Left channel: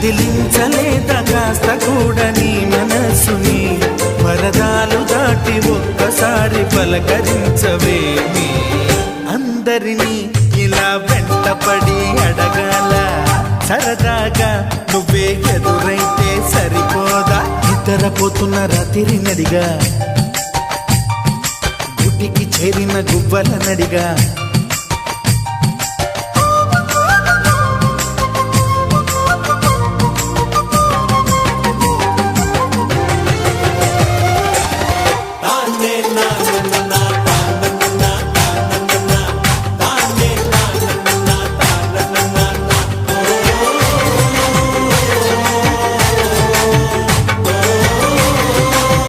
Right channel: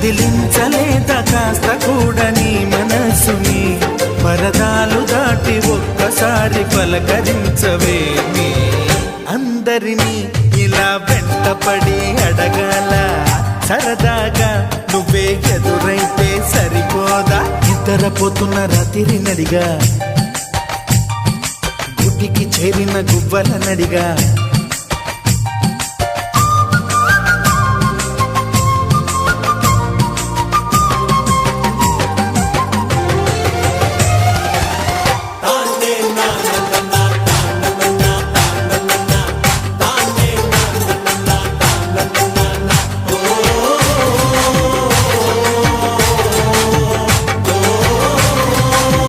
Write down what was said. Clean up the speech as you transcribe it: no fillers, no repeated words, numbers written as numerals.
కదిలించలేదా కాస్త కూడా నీ మనసుని పరదాలు దాటి ఒక్కసారి పలకరించవేమి అందరినీ ఇలా వెంటపడి అడగాల సరదాగా నువ్వే ఎదురైతే సరిపోదా నిద్రపోతున్న రాత్రి నడిగా గుటికి చేరిన గువ్వల నడిగా